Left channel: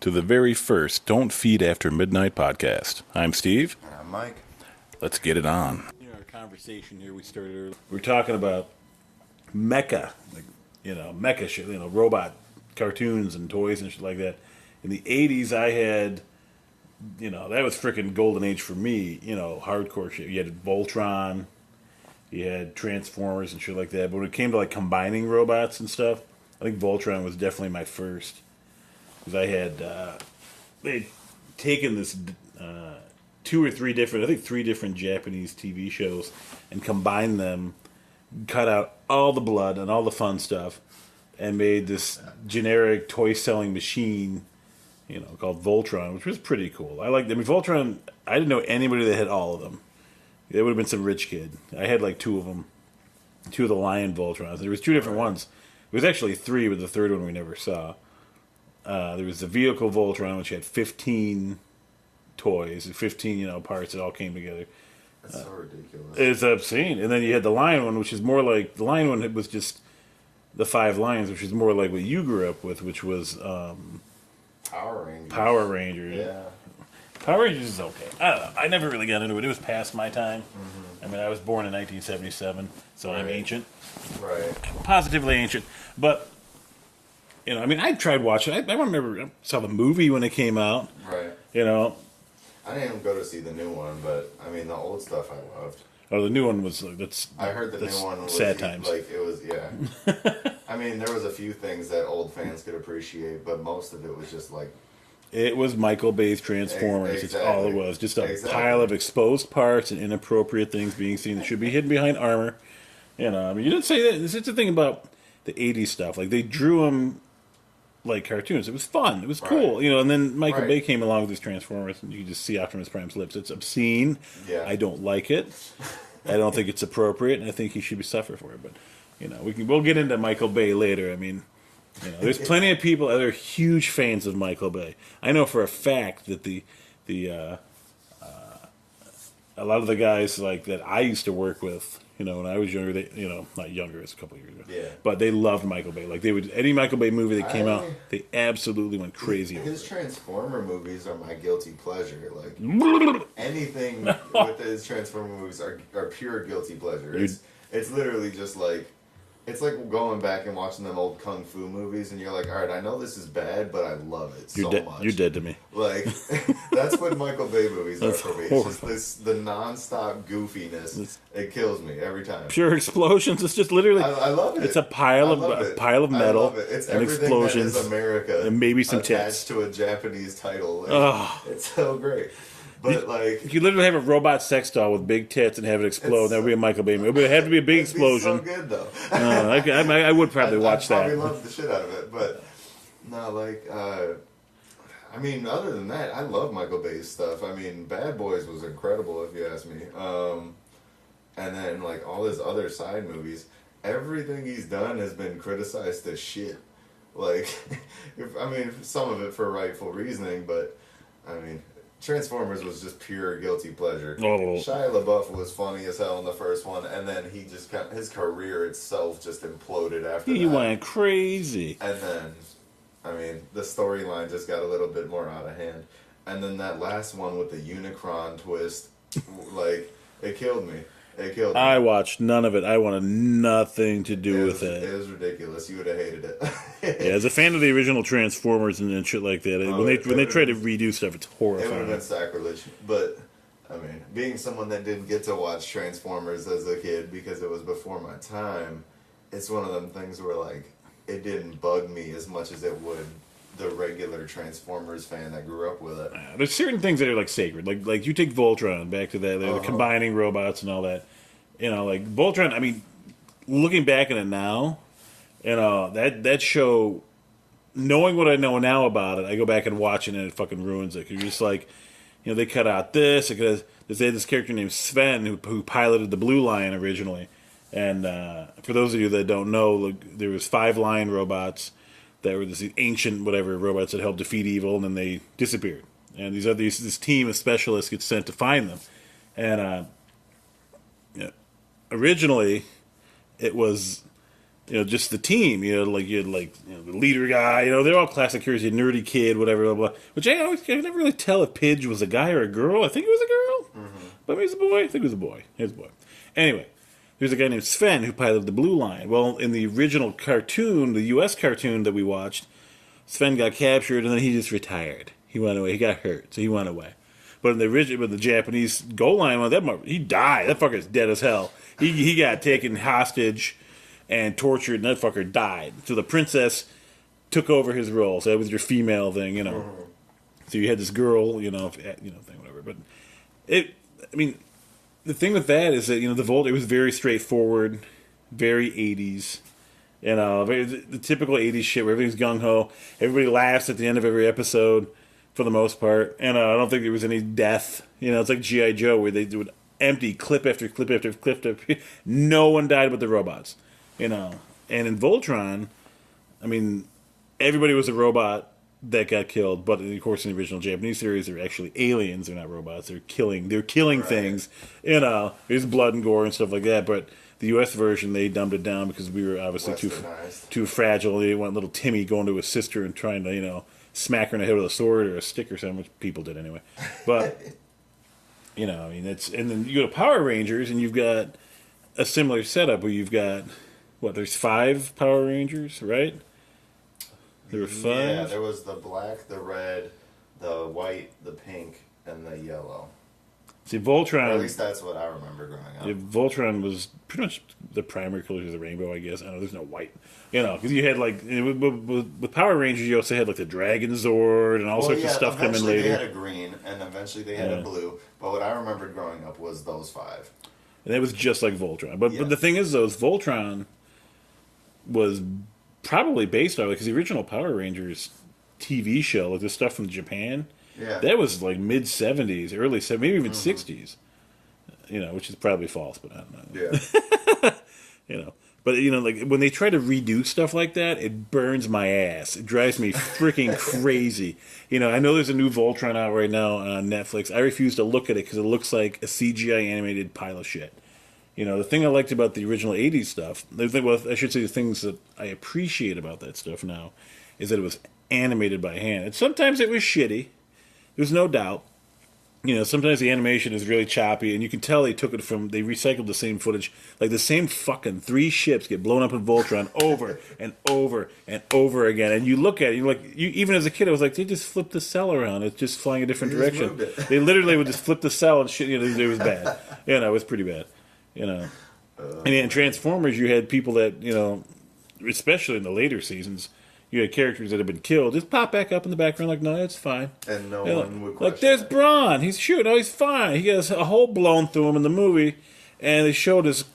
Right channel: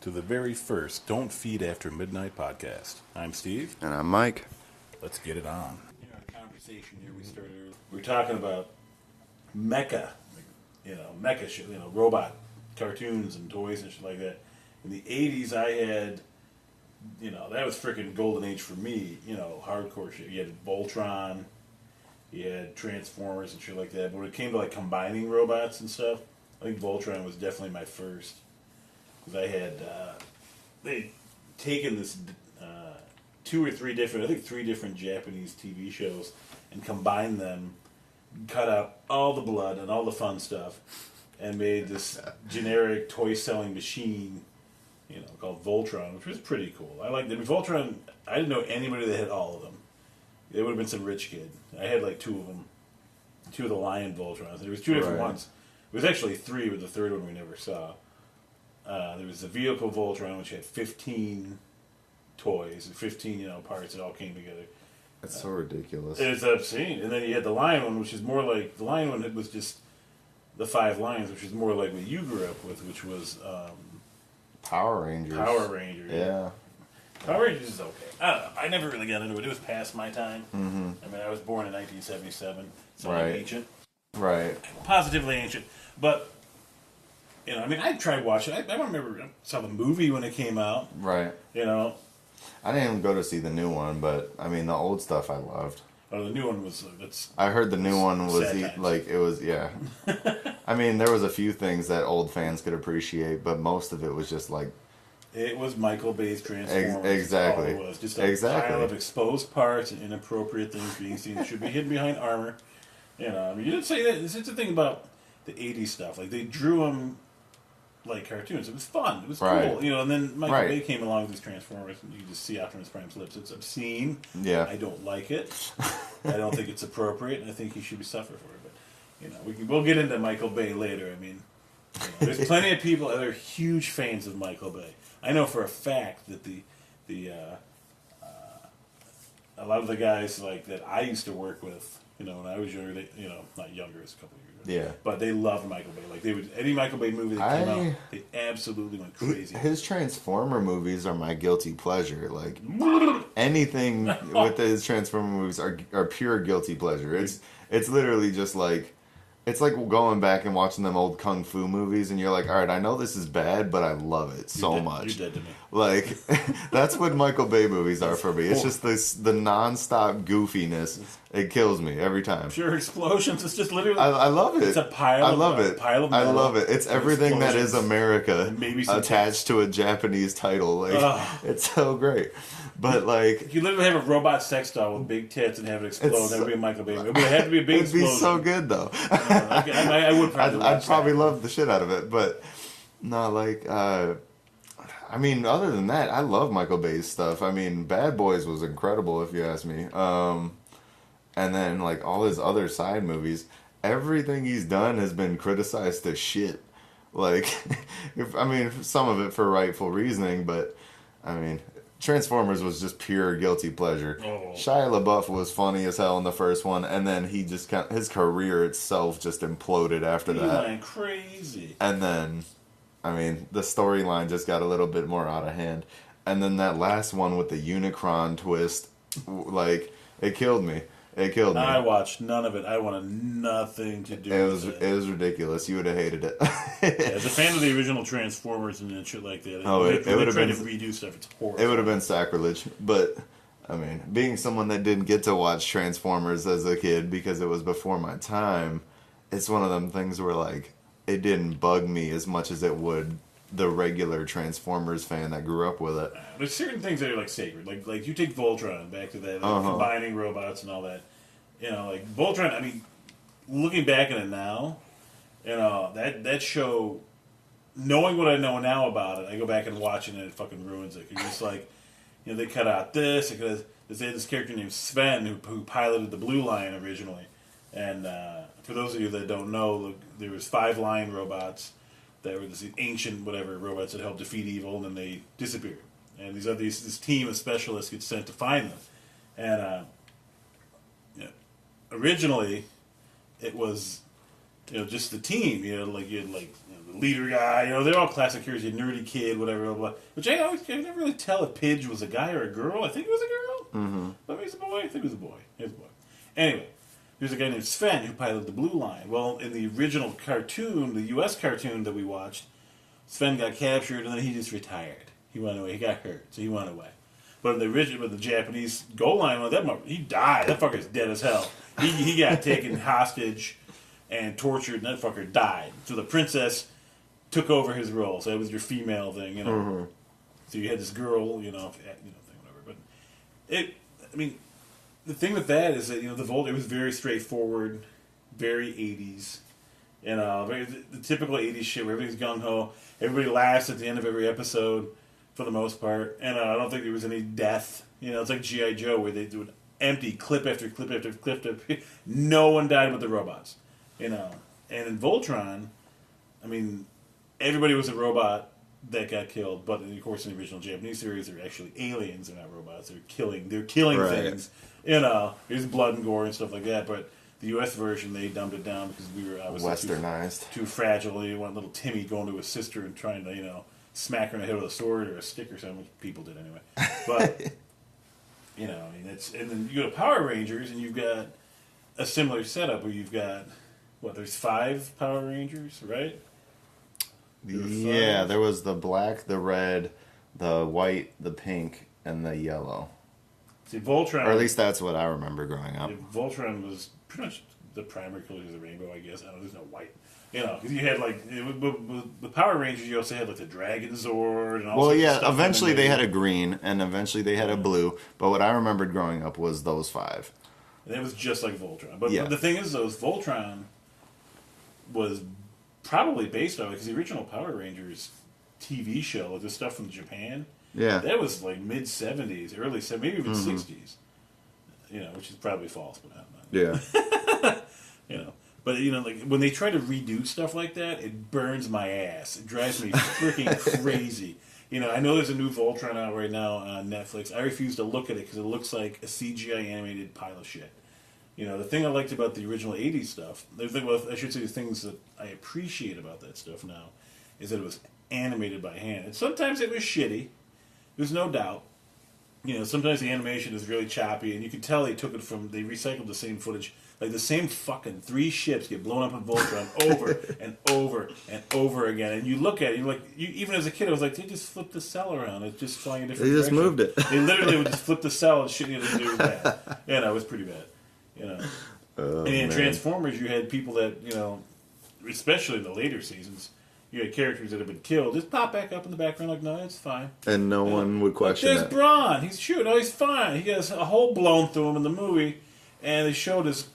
to the very first Don't Feed After Midnight podcast. I'm Steve. And I'm Mike. Let's get it on. In our conversation here, we started earlier. We were talking about Mecha, Mecha shit, robot cartoons and toys and shit like that. In the 80s, I had, that was freaking golden age for me, hardcore shit. You had Voltron, you had Transformers and shit like that. But when it came to, combining robots and stuff, I think Voltron was definitely my first. Because I had, they'd taken this three different Japanese TV shows and combined them, cut out all the blood and all the fun stuff, and made this generic toy-selling machine, called Voltron, which was pretty cool. I liked them. Voltron, I didn't know anybody that had all of them. They would have been some rich kid. I had two of them. Two of the Lion Voltrons. There was two different ones. It was actually three, but the third one we never saw. There was the vehicle Voltron, which had 15 toys, 15, parts that all came together. That's so ridiculous. It's obscene. And then you had the Lion one, which is more like... The Lion one was just the 5 lions, which is more like what you grew up with, which was... Power Rangers. Power Rangers. Yeah. Power Rangers is okay. I don't know. I never really got into it. It was past my time. Mm-hmm. I mean, I was born in 1977, so I'm ancient. Right. Positively ancient. But... I tried watching. I remember I saw the movie when it came out. Right. I didn't even go to see the new one, but the old stuff I loved. Oh, the new one was I heard the new one was sad times. it was there was a few things that old fans could appreciate, but most of it was just it was Michael Bay's Transformers. Exactly. That's all it was. Just a pile of exposed parts and inappropriate things being seen that should be hidden behind armor. You didn't say that. This is the thing about the '80s stuff. They drew them like cartoons. It was fun. It was cool. And then Michael Bay came along with his Transformers, and you can just see Optimus Prime's lips. It's obscene. Yeah. I don't like it. I don't think it's appropriate, and I think he should be suffered for it. But we'll get into Michael Bay later. There's plenty of people that are huge fans of Michael Bay. I know for a fact that a lot of the guys that I used to work with, when I was younger, they, not younger, it's a couple of years ago. Yeah. But they loved Michael Bay. They would, any Michael Bay movie that came out, they absolutely went crazy. His Transformer movies are my guilty pleasure. Anything with his Transformer movies are pure guilty pleasure. It's literally just it's like going back and watching them old kung fu movies, and you're like, all right, I know this is bad, but I love it so much. You're dead to me. That's what Michael Bay movies are for me. It's just the non-stop goofiness. It kills me every time. Pure explosions. It's just literally... I love it. It's a pile of metal. I love it. It's everything that is America and maybe some attached to a Japanese title. It's so great. But if you literally have a robot sex doll with big tits and have it explode, that would be a Michael Bay movie. It would have to be a big explosion. It'd be so good, though. I would probably watch that. I'd probably love the shit out of it, but no, other than that, I love Michael Bay's stuff. Bad Boys was incredible, if you ask me. And then all his other side movies, everything he's done has been criticized as shit. Some of it for rightful reasoning, but Transformers was just pure guilty pleasure. Oh. Shia LaBeouf was funny as hell in the first one, and then his career itself just imploded after that. He went crazy. And then, the storyline just got a little bit more out of hand. And then that last one with the Unicron twist, it killed me. I watched none of it. I wanted nothing to do with it. It was ridiculous. You would have hated it. As a fan of the original Transformers and shit like that, when they try to redo stuff, it's horrible. It would have been sacrilege. But, being someone that didn't get to watch Transformers as a kid because it was before my time, it's one of them things where, it didn't bug me as much as it would the regular Transformers fan that grew up with it. There's certain things that are sacred. Like you take Voltron, back to that, combining robots and all that. Voltron, looking back at it now, that show, knowing what I know now about it, I go back and watch it and it fucking ruins it. 'Cause you're just they cut out this, because they had this character named Sven who piloted the Blue Lion originally. And for those of you that don't know, there was 5 lion robots that were this ancient robots that helped defeat evil, and then they disappeared. And this team of specialists gets sent to find them. And originally, it was just the team. Like you had the leader guy. They're all classic heroes. You nerdy kid, whatever, blah, blah. Which I never really tell if Pidge was a guy or a girl. I think it was a girl, but maybe it was a boy. I think it was a boy. It was a boy. Anyway, there's a guy named Sven who piloted the Blue Line. Well, in the original cartoon, the U.S. cartoon that we watched, Sven got captured and then he just retired. He went away. He got hurt, so he went away. But in the Japanese Gold Line one, he died. That fucker's dead as hell. He got taken hostage and tortured, and that fucker died. So the princess took over his role. So that was your female thing, So you had this girl, thing, whatever. But the thing with that is that the Volt, it was very straightforward, very 80s. The typical 80s shit where everything's gung ho. Everybody laughs at the end of every episode, for the most part. And I don't think there was any death. It's like G.I. Joe where they would empty clip after clip after clip after. No one died but the robots. And in Voltron, everybody was a robot that got killed. But of course, in the original Japanese series, they're actually aliens. They're not robots. They're killing right. things. There's blood and gore and stuff like that. But the U.S. version, they dumbed it down because we were obviously too fragile. They want little Timmy going to his sister and trying to, smack her in the head with a sword or a stick or something, which people did anyway. But and then you go to Power Rangers and you've got a similar setup where you've got. There's 5 Power Rangers, right? There was the black, the red, the white, the pink, and the yellow. See, Voltron... Or at least that's what I remember growing up. Voltron was pretty much the primary colors of the rainbow, I guess. I know there's no white. Because you had, with Power Rangers, you also had, the Dragon Zord and all sorts of stuff. Eventually they had a green, and eventually they had a blue. But what I remembered growing up was those 5. And it was just like Voltron. But the thing is, though, Voltron was probably based on it, because the original Power Rangers TV show, the stuff from Japan, that was mid-70s, early 70s, maybe even 60s. Which is probably false, but I don't know. Yeah. But, when they try to redo stuff like that, it burns my ass. It drives me freaking crazy. I know there's a new Voltron out right now on Netflix. I refuse to look at it because it looks like a CGI animated pile of shit. The thing I liked about the original 80s stuff, the things that I appreciate about that stuff now, is that it was animated by hand. And sometimes it was shitty. There's no doubt. Sometimes the animation is really choppy, and you can tell they recycled the same footage. Like the same fucking 3 ships get blown up in Voltron over and over and over again. And you look at it, even as a kid, I was like, they just flipped the cell around. It's just flying a different direction. They just moved it. They literally would just flip the cell and shit. It was bad. It was pretty bad. And in Transformers, you had people that, especially in the later seasons, you had characters that had been killed just pop back up in the background no, it's fine. And no one would question there's Brawn. He's shooting. Oh, he's fine. He has a hole blown through him in the movie, and they showed his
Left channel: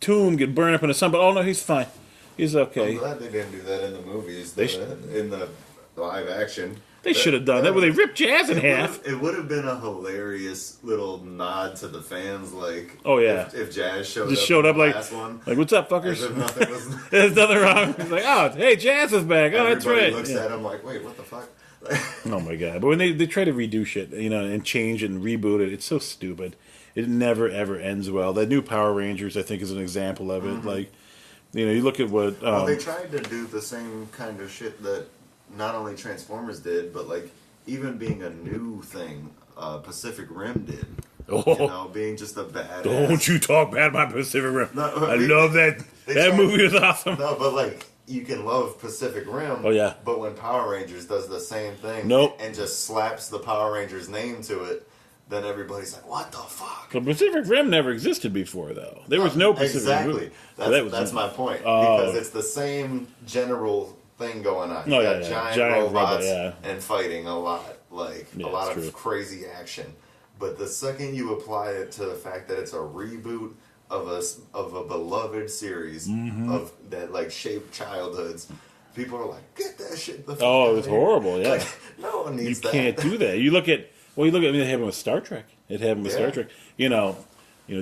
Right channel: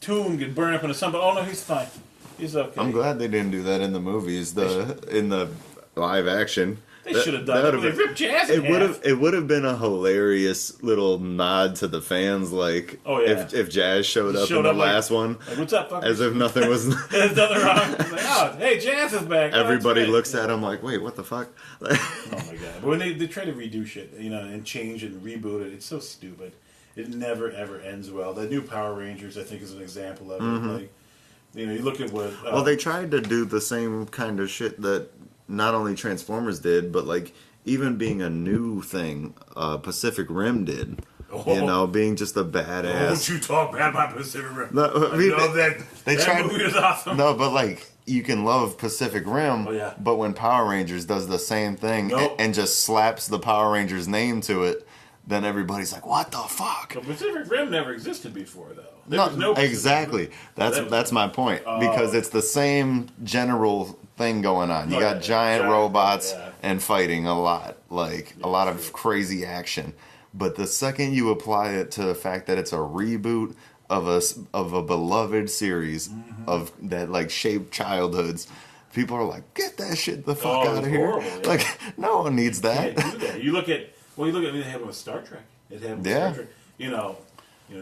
tomb get burned up in the sun, but oh no, he's fine. He's okay. I'm glad they didn't do that in the movies, in the live action. They should have done that, where they ripped Jazz in half. It would have been a hilarious little nod to the fans, if Jazz showed up in the last one. Like, what's up, fuckers? As if nothing was... There's nothing wrong. It's like, hey, Jazz is back. Everybody looks at him like, wait, what the fuck? Oh my god. But when they try to redo shit, and change and reboot it, it's so stupid. It never, ever ends well. That new Power Rangers, I think, is an example of it. You look at what... they tried to do the same kind of shit that not only Transformers did, but even being a new thing, Pacific Rim did. Being just a badass. Don't you talk bad about Pacific Rim. No, I love that. That movie was awesome. No, but you can love Pacific Rim. Oh yeah. But when Power Rangers does the same thing and just slaps the Power Rangers name to it, then everybody's like, "What the fuck?" The Pacific Rim never existed before, though. There was no Pacific exactly. Rim. That's my point because it's the same general thing going on. You got giant robots and fighting a lot, a lot of crazy action. But the second you apply it to the fact that it's a reboot of a beloved series of that shaped childhoods, people are like, "Get that shit the fuck out of here!" Horrible. Yeah. No one needs that. You can't do that. You look at it happened with Star Trek. It happened with Star Trek.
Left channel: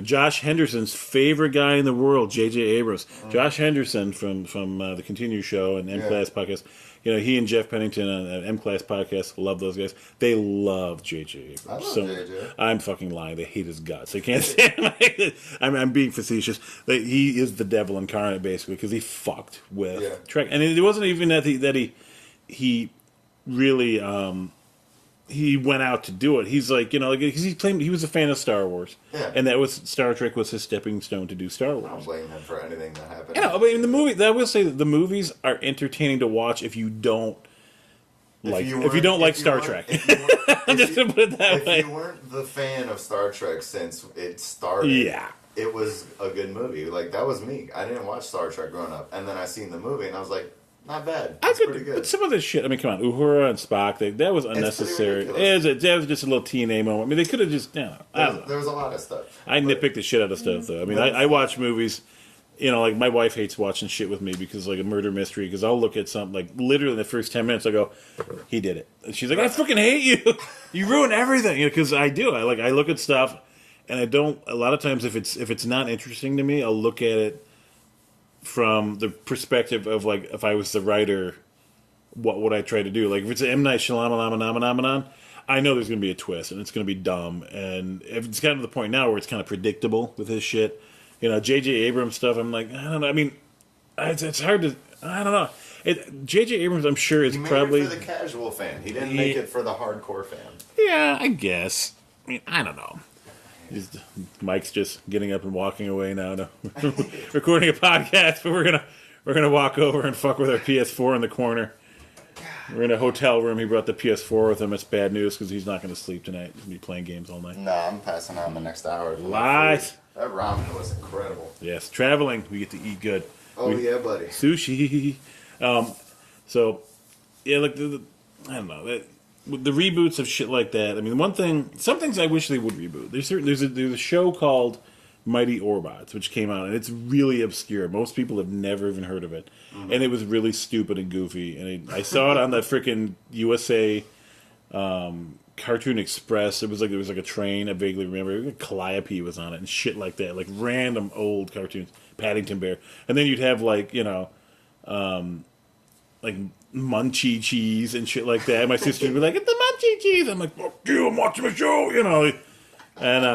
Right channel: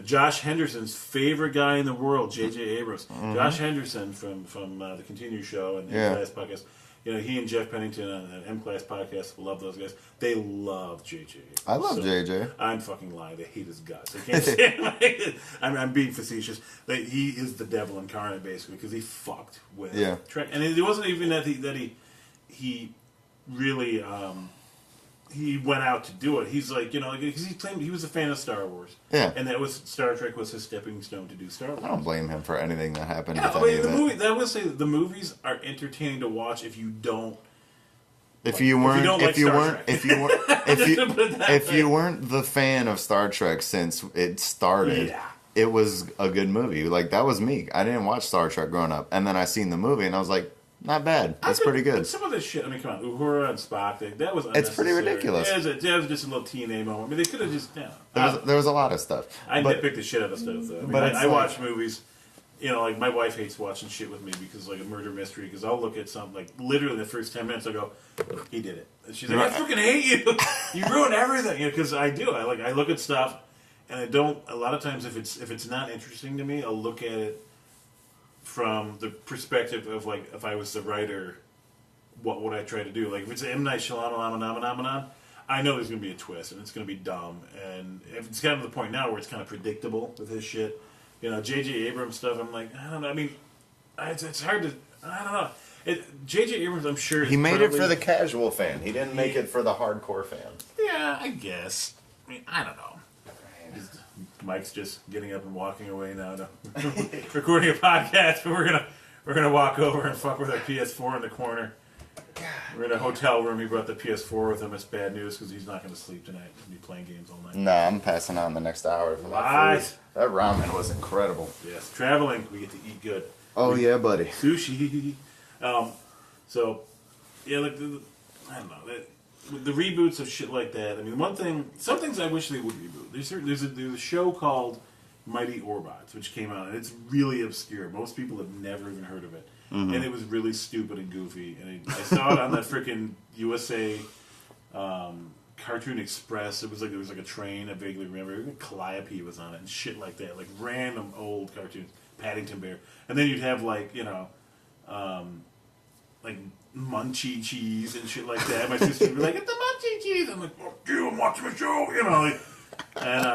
Josh Henderson's favorite guy in the world, J.J. Abrams. Josh Henderson from the Continue Show and Class Podcast. he and Jeff Pennington on an M-Class podcast, love those guys. They love JJ. I love JJ. I'm fucking lying. They hate his guts. They can't stand him. I'm being facetious. He is the devil incarnate, basically, because he fucked with Trek. And it wasn't even that he really he went out to do it. He's like, because he claimed he was a fan of Star Wars. Yeah. And Star Trek was his stepping stone to do Star Wars. I don't blame him for anything that happened. Yeah, but in the movie, I would say that the movies are entertaining to watch if you don't like Star Trek. If you weren't the fan of Star Trek since it started, it was a good movie. Like, that was me. I didn't watch Star Trek growing up. And then I seen the movie and I was like, not bad. That's pretty good. But some of this shit, I mean, come on, Uhura and Spock, that was unnecessary. It's pretty ridiculous. It was just a little TNA moment. I mean, they could have just, there was a lot of stuff. I nitpick the shit out of stuff, though. I mean, I watch movies, like, my wife hates watching shit with me because, like, a murder mystery, because I'll look at something, like, literally in the first 10 minutes, I'll go, he did it. And she's like, I fucking hate you. You ruin everything. Because I do. I look at stuff, and I don't, a lot of times, if it's not interesting to me, I'll look at it from the perspective of, like, if I was the writer, what would I try to do? Like, if it's an M. Night Shyamalan, I know there's going to be a twist, and it's going to be dumb. And if it's gotten to the point now where it's kind of predictable with his shit, J.J. Abrams stuff, I'm like, I don't know. I mean, it's hard to, I don't know. J.J. Abrams, I'm sure, he made it for the casual fan. He didn't make it for the hardcore fan. Yeah, I guess. I mean, I don't know. Mike's just getting up and walking away now to recording a podcast, but we're gonna walk over and fuck with our PS4 in the corner. We're in a hotel room. He brought the PS4 with him. It's bad news because he's not going to sleep tonight. He's going to be playing games all night. No, I'm passing on the next hour. What? That ramen was incredible. Yes, traveling, we get to eat good. Oh, yeah, buddy. Sushi. So, yeah, like, I don't know. The reboots of shit like that. I mean, some things I wish they would reboot. There's a show called Mighty Orbots, which came out, and it's really obscure. Most people have never even heard of it. Mm-hmm. And it was really stupid and goofy. And I saw it on the freaking USA Cartoon Express. There was like a train, I vaguely remember. Calliope was on it and shit like that. Like random old cartoons. Paddington Bear. And then you'd have like Munchie Cheese and shit like that. My sister would be like, "It's the Munchie Cheese." I'm like, "Fuck you, I'm watching a show," And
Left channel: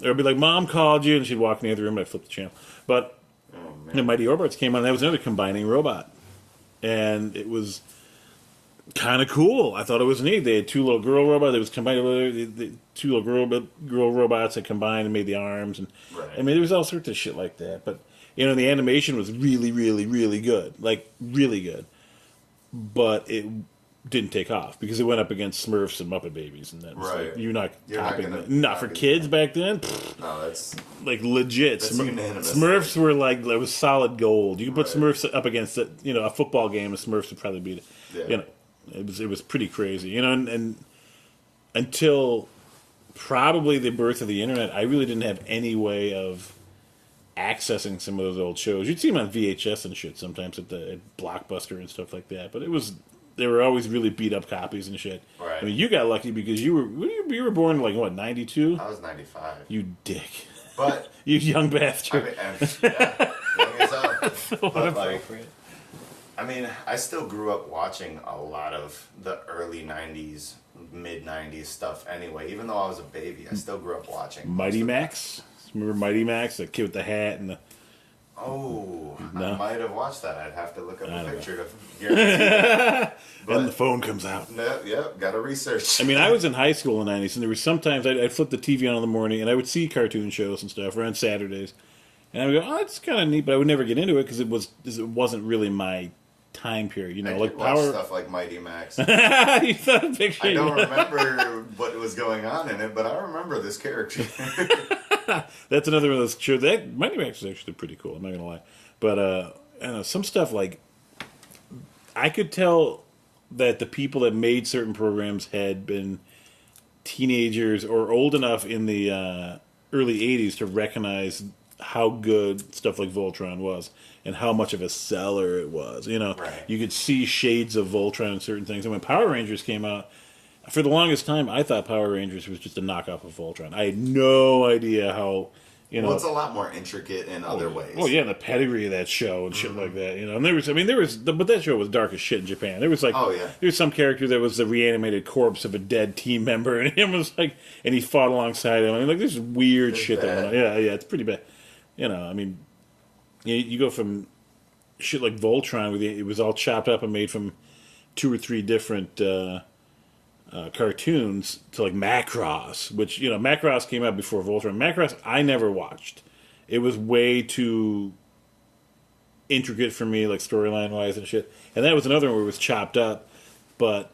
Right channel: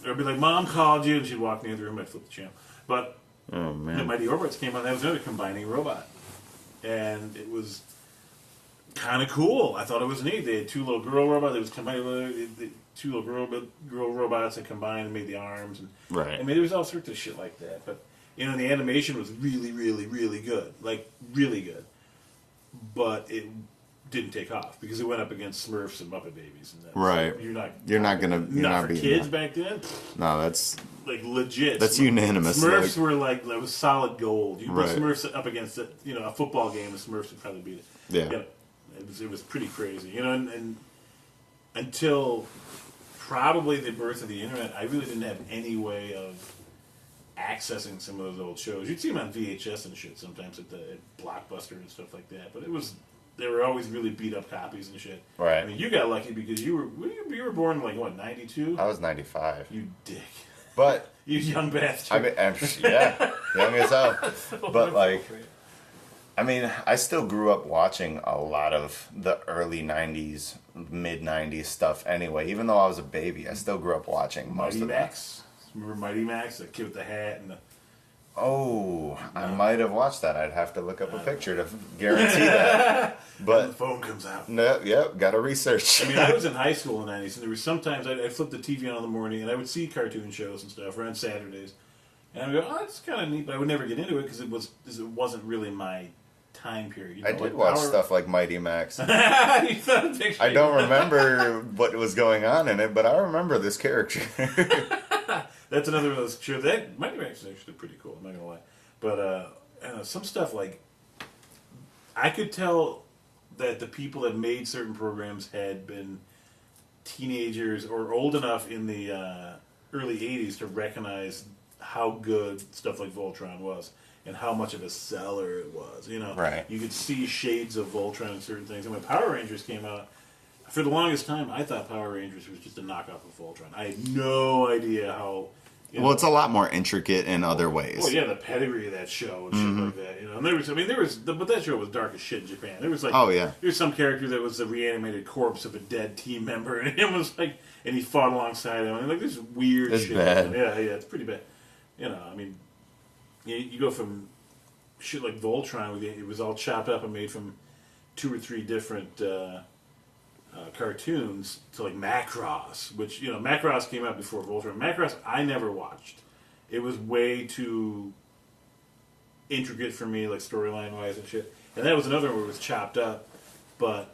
it would be like, "Mom called you," and she'd walk in the other room and I'd flip the channel. But the Mighty Orbots came on, and that was another combining robot. And it was kind of cool. I thought it was neat. They had two little girl robots. It was combined with two little girl robots that combined and made the arms. And right. I mean, there was all sorts of shit like that. But, the animation was really, really, really good. Like, really good. But it didn't take off because it went up against Smurfs and Muppet Babies, and that right. You're not for be kids back then. No, that's like legit. That's unanimous. Smurfs were like it was solid gold. You could put Smurfs up against a football game, and Smurfs would probably beat it. Yeah, it was pretty crazy. And until probably the birth of the internet, I really didn't have any way of accessing some of those old shows. You'd see them on VHS and shit sometimes at Blockbuster and stuff like that. But they were always really beat up copies and shit. Right. I mean, you got lucky because you were born like what, 92? I was 95. You dick. But you young bastard. Yeah, young as hell. But like, I mean, I still grew up watching a lot of the early 90s, mid 90s stuff anyway. Even though I was a baby, I still grew up watching Mighty Max. Remember Mighty Max, the kid with the hat and the... Oh, no? I might have watched that. I'd have to look up a picture to guarantee that. But and the phone comes out. No, yep, got to research. I mean, I was in high school in the 90s, and there was sometimes I'd flip the TV on in the morning, and I would see cartoon shows and stuff, or on Saturdays. And I would go, oh, that's kind of neat, but I would never get into it because it wasn't really my time period. I did watch stuff like Mighty Max. You thought a picture. I don't remember what was going on in it, but I remember this character. That's another one of those shows. Mighty Max is actually pretty cool, I'm not going to lie. But I don't know, some stuff like... I could tell that the people that made certain programs had been teenagers or old enough in the early 80s to recognize how good stuff like Voltron was and how much of a seller it was. Right. You could see shades of Voltron in certain things. And when Power Rangers came out, for the longest time, I thought Power Rangers was just a knockoff of Voltron. I had no idea how Well, it's a lot more intricate in other ways. Well, yeah, the pedigree of that show and shit like that, And but that show was dark as shit in Japan. There was like, there was some character that was the reanimated corpse of a dead team member, and him was like, and he fought alongside him. Like, this weird shit. Bad. Yeah, it's pretty bad. You go from shit like Voltron, it was all chopped up and made from 2 or 3 different cartoons to like Macross, which Macross came out before Voltron. Macross I never watched. It was way too intricate for me, like storyline wise and shit. And that was another one where it was chopped up, but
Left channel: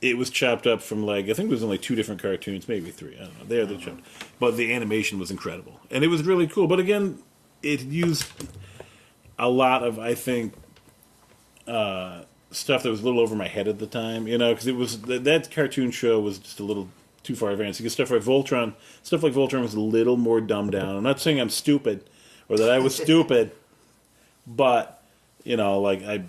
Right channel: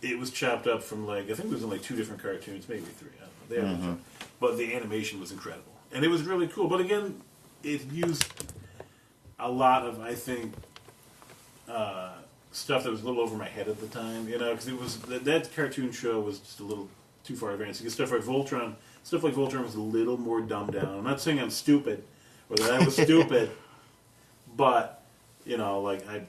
it was chopped up from like I think it was in like 2 different cartoons, maybe 3. I don't know. They had the jump, but the animation was incredible and it was really cool. But again, it used a lot of stuff that was a little over my head at the time, because it was that cartoon show was just a little too far advanced. You get stuff like Voltron was a little more dumbed down. I'm not saying I'm stupid or that I was stupid, but I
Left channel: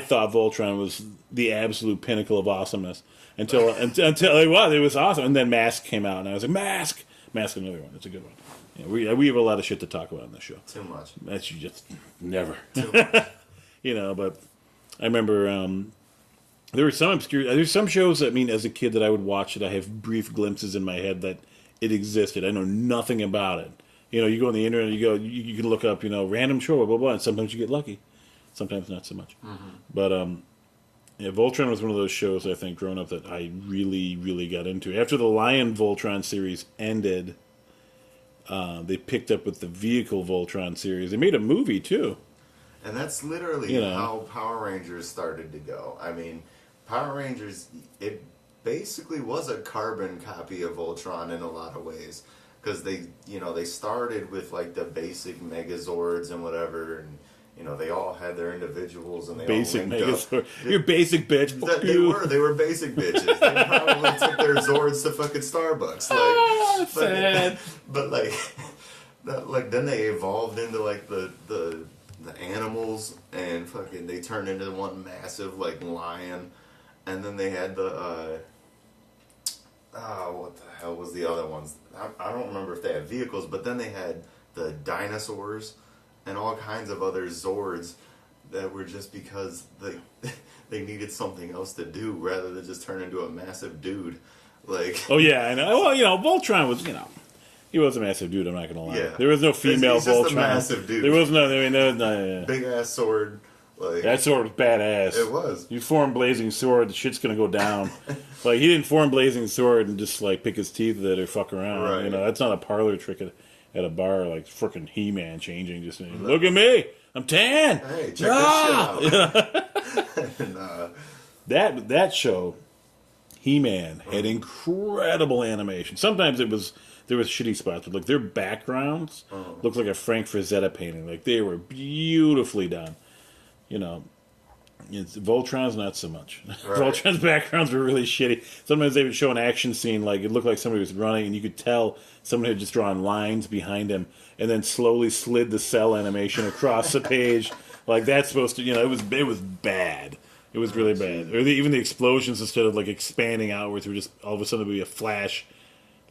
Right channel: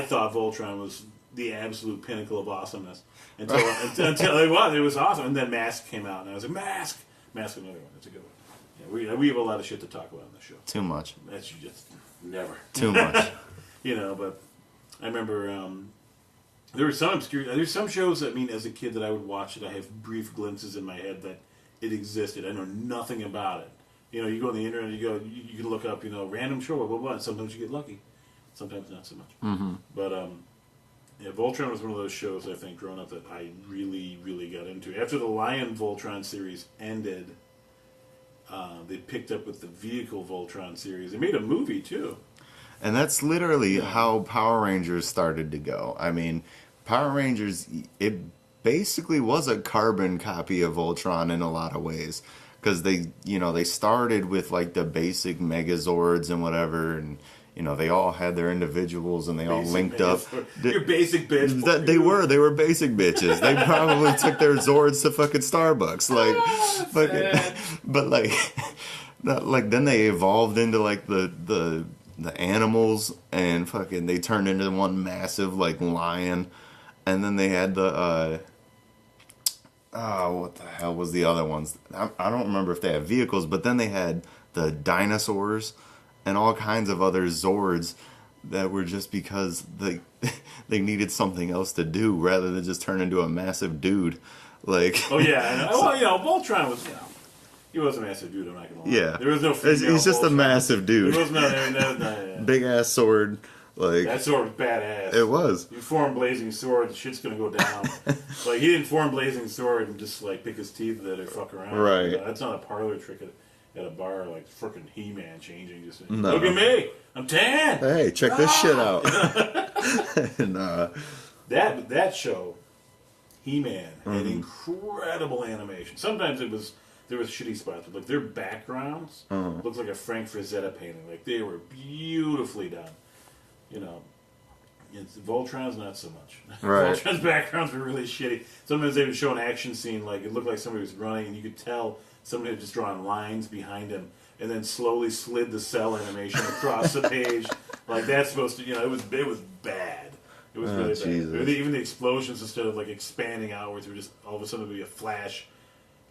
thought Voltron was the absolute pinnacle of awesomeness until it was awesome. And then Mask came out, and I was like, Mask, another one. That's a good one. Yeah, we have a lot of shit to talk about on this show. Too much. That's just never too much. But. I remember there's some shows that as a kid that I would watch that I have brief glimpses in my head that it existed. I know nothing about it. You go on the internet, you can look up, random show, blah, blah, blah, and sometimes you get lucky. Sometimes not so much. Mm-hmm. But, Voltron was one of those shows, I think, growing up that I really, really got into. After the Lion Voltron series ended, they picked up with the Vehicle Voltron series. They made a movie, too. And that's literally how Power Rangers started to go. I mean, Power Rangers, it basically was a carbon copy of Voltron in a lot of ways. Because they started with like the basic Megazords and whatever, and they all had their individuals and they all linked up. You're basic bitch. They were basic bitches. They probably took their Zords to fucking Starbucks. But then they evolved into like the animals, and fucking they turned into one massive like lion, and then they had the what the hell was the other ones? I don't remember if they had vehicles, but then they had the dinosaurs and all kinds of other Zords that were just because they needed something else to do rather than just turn into a massive dude. Like, oh yeah, I know. Well, Voltron was he was a massive dude, I'm not going to lie. Yeah. There was no female He's just Voltron. a massive dude. There was no. Big ass sword. Like, that sword was badass. It was. You form Blazing Sword, the shit's going to go down. Like, he didn't form Blazing Sword and just, like, pick his teeth with it or fuck around. Right. That's not a parlor trick at a bar, like frickin' He-Man changing. Just look at me, I'm tan. Hey, check this shit out. And, that show, He-Man, had incredible animation. Sometimes there was shitty spots, but like their backgrounds looked like a Frank Frazetta painting. Like they were beautifully done. Voltron's not so much. Right. Voltron's backgrounds were really shitty. Sometimes they would show an action scene, like it looked like somebody was running, and you could tell somebody had just drawn lines behind him, and then slowly slid the cell animation across the page. Like that's supposed to, it was bad. It was really bad. Even the explosions, instead of like expanding outwards, were just all of a sudden it would be a flash.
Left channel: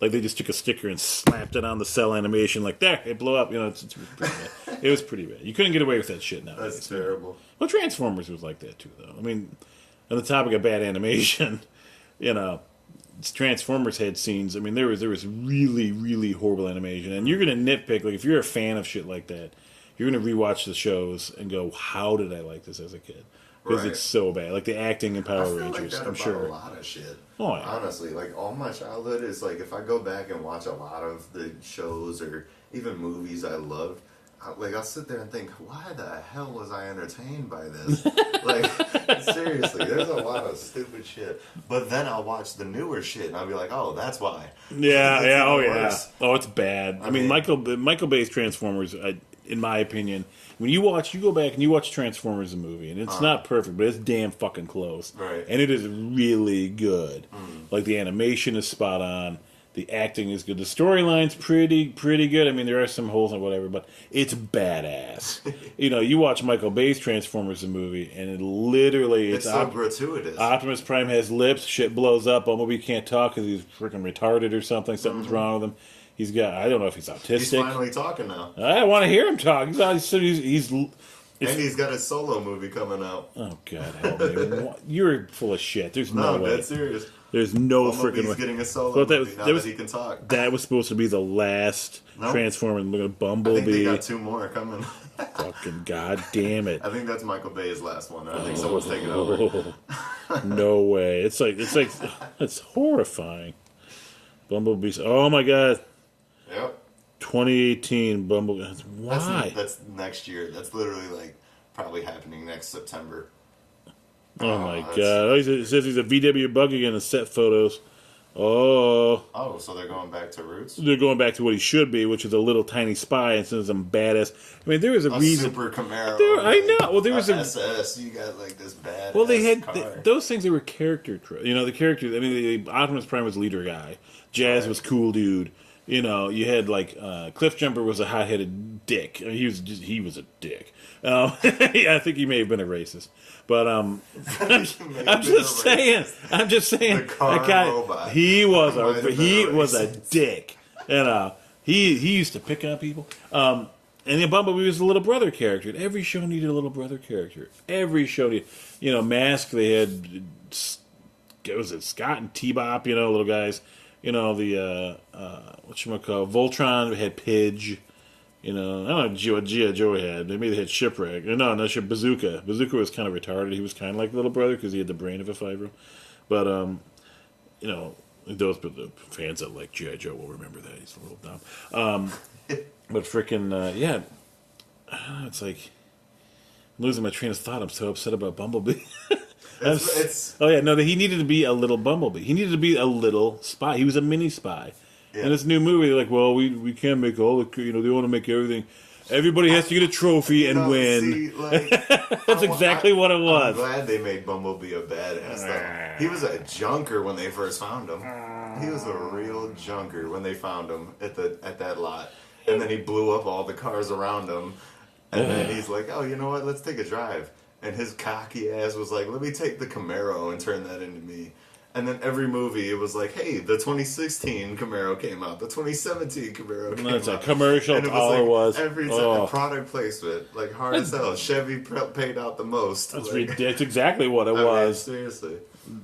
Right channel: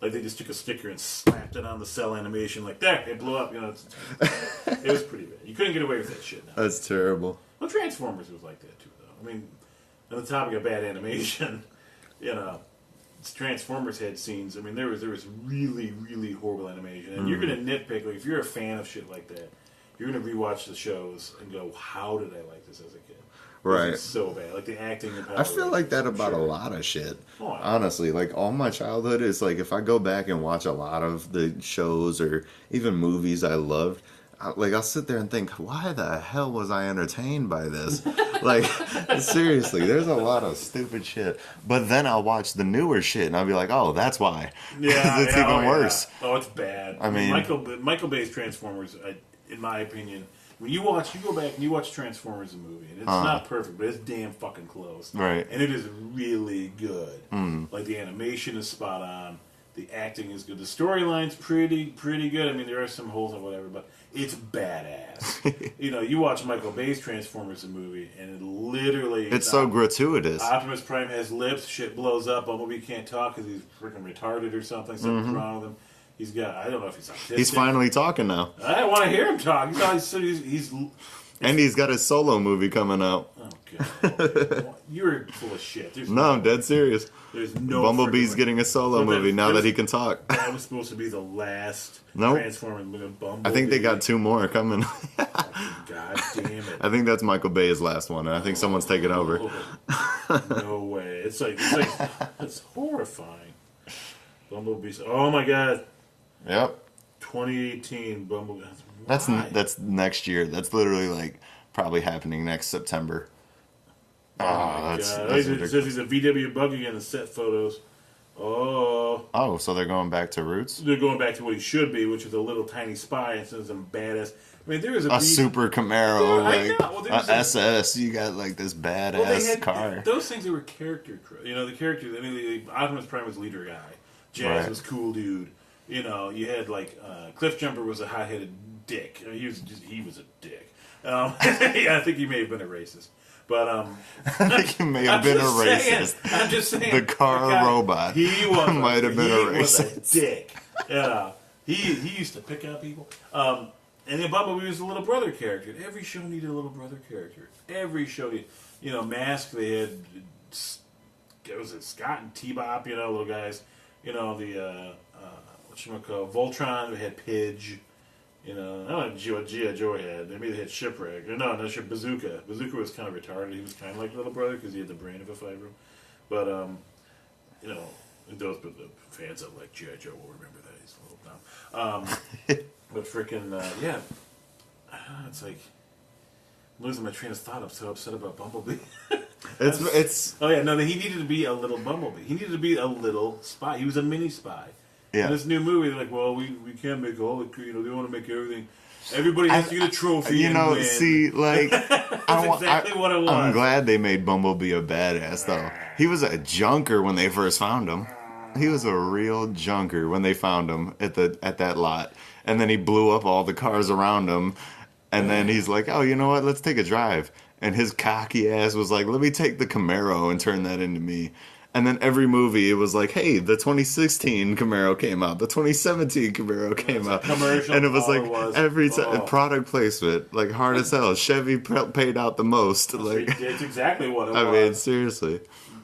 Like, they just took a sticker and slapped it on the cell animation. Like, there, it blew up. It was pretty bad. You couldn't get away with that shit now. That's terrible. Well, Transformers was like that, too, though. I mean, on the topic of bad animation, Transformers had scenes. I mean, there was really, really horrible animation. And you're going to nitpick. Like, if you're a fan of shit like that, you're going to rewatch the shows and go, how did I like this as a kid? Right. It's so bad. Like the acting in Power Rangers. I feel like that about a lot of shit. Oh, yeah. Honestly, like all my childhood is like if I go back and watch a lot of the shows or even movies I loved, I'll sit there and think, why the hell was I entertained by this? Like, seriously, there's a lot of stupid shit. But then I'll watch the newer shit and I'll be like, oh, that's why. Yeah, it's even worse. Yeah. Oh, it's bad. I mean, Michael Bay's Transformers, in my opinion. When you go back and you watch Transformers the movie, and it's not perfect, but it's damn fucking close. Right. And it is really good. Like, the animation is spot on. The acting is good. The storyline's pretty good. I mean, there are some holes and whatever, but it's badass. You watch Michael Bay's Transformers the movie, and it literally... It's so gratuitous. Optimus Prime has lips, shit blows up, Bumblebee can't talk because he's freaking retarded or something. Something's wrong with him. He's got. I don't know if he's autistic. He's finally talking now. I want to hear him talk. He's and he's got a solo movie coming out. Oh God, you're full of shit. There's no, way. dead serious. There's no Bumblebee's getting a solo movie now that he can talk. That was supposed to be the last Transformer Bumblebee. I think they got 2 more coming. Fucking God damn it! I think that's Michael Bay's last one, and I think someone's taking over. No way! It's it's horrifying. Bumblebee's. Oh my God. Yep. 2018 Bumblebee. Why? That's next year. That's literally like probably happening next September. Oh my God! It says he's a VW buggy in the set photos. Oh, so they're going back to roots? They're going back to what he should be, which is a little tiny spy instead of some badass. I mean, there was a super Camaro. I know. Well, there was SS. You got like this badass car. Those things that were character. The characters. I mean, Optimus Prime was leader guy. Jazz was cool dude. You had like Cliffjumper was a hot-headed dick. I mean, he was a dick. I think he may have been a racist. But I think he may have been a racist. I'm just saying. The car robot. He was a dick. He used to pick on people. And then Bumblebee was the little brother character. Every show needed a little brother character. Every show needed, Mask. They had was it Scott and T-Bop? Little guys. The Voltron had Pidge. I don't know what G.I. Joe had. Maybe they had Shipwreck. No, Bazooka. Bazooka was kind of retarded. He was kind of like little brother because he had the brain of a 5-year-old. But, those the fans that like G.I. Joe will remember that. He's a little dumb. But freaking, yeah. I don't know, it's like I'm losing my train of thought. I'm so upset about Bumblebee. He needed to be a little Bumblebee. He needed to be a little spy. He was a mini spy. Yeah. In this new movie, they're like, well, we can't make all the, they want to make everything. Everybody has to get a trophy and win. See, like, that's exactly what it was. I'm glad they made Bumblebee a badass, though. He was a junker when they first found him. He was a real junker when they found him at that lot. And then he blew up all the cars around him. And then he's like, oh, you know what? Let's take a drive. And his cocky ass was like, let me take the Camaro and turn that into me. And then every movie, it was like, hey, the 2016 Camaro came out. The 2017 Camaro came out. Commercial, and it was like every time product placement, like hard as hell. Chevy paid out the most. It's exactly what it was. I mean, seriously.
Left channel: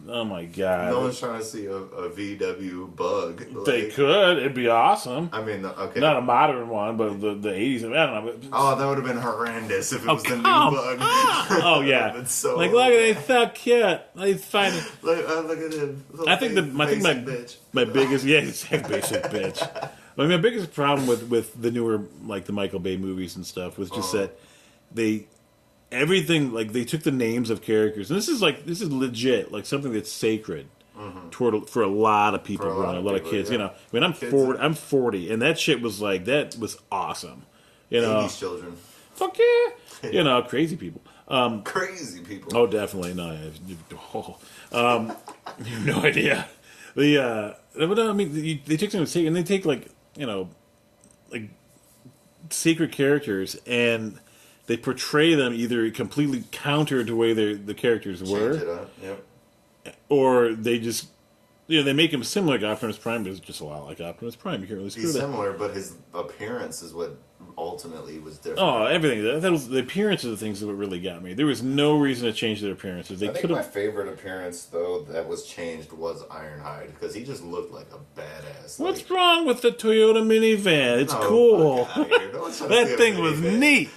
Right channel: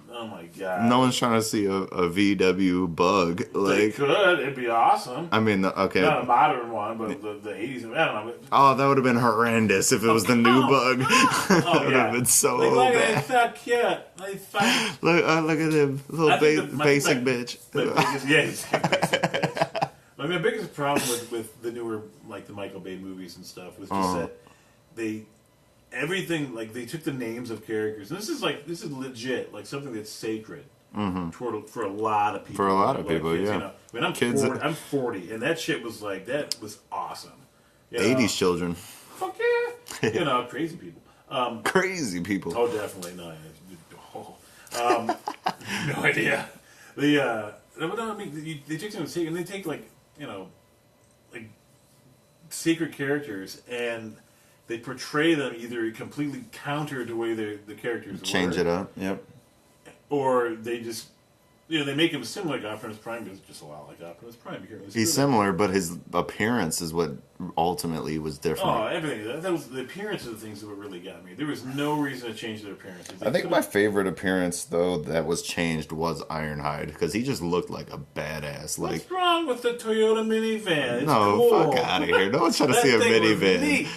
Oh my God. No one's trying to see a VW bug. They could. It'd be awesome. I mean, okay. Not a modern one, but the 80s. I don't know. Oh, that would have been horrendous if it was the new bug. Oh, yeah. Been so look at that fat kid. He's fine. Look at him. Little basic bitch. My biggest, basic bitch. My biggest problem with the newer, like the Michael Bay movies and stuff was just that everything, like, they took the names of characters, and this is legit, like something that's sacred for a lot of people, for a lot of kids. Yeah. I mean, I'm 40, and that shit was like, that was awesome. 80s children. Fuck yeah. Crazy people. Crazy people. Oh, definitely. No, no idea. I mean, they take something and they take like secret characters and they portray them either completely counter to the way the characters were. Change it up, yep. Or they just, they make him similar to Optimus Prime, but it's just a lot like Optimus Prime. You can't really He's similar, but his appearance is what ultimately was different. Oh, everything. That was the appearance of the things that really got me. There was no reason to change their appearances. I think my favorite appearance, though, that was changed was Ironhide, because he just looked like a badass. What's wrong with the Toyota minivan? It's cool. Fuck out of here. No one's trying to see a minivan. That thing was neat.